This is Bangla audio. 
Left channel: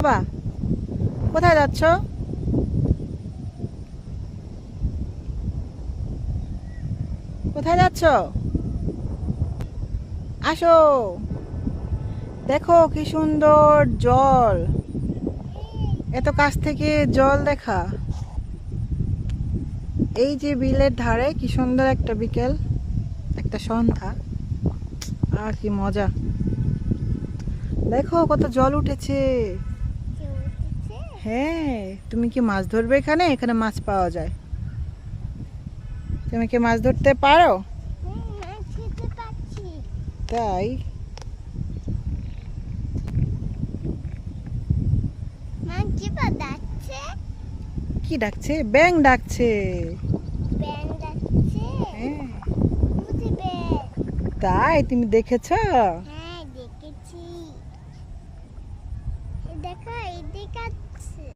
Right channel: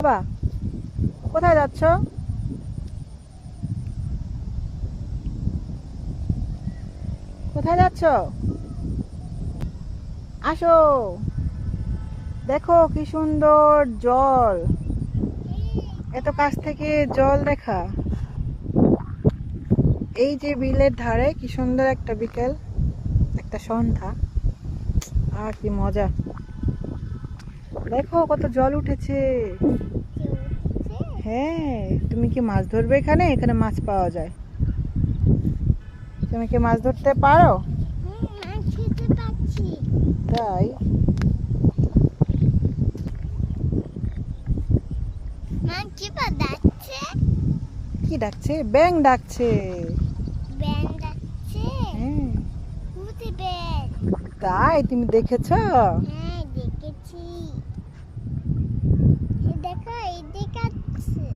বাবা, কোথায় যাচ্ছ? কোথায় যাচ্ছ? আসো, দেখো কি সুন্দর জল। এত কাছ থেকে জল দেখা। এই যে বিলের ধারে কি সুন্দর একটা বিকেল, একটা সন্ধ্যা। আর কি মজা। দেখো কত জল উঠেছে। হ্যাঁ, তুমি কি মাছ ধরবে? এখানে এখানে মাছ পাওয়া যায়। তুমি কি মাছ ধরতে পারো? তাই? কি ডাকছে? ব্যাঙ ডাকছে। হ্যাঁ, তাই তুমি দেখেছো?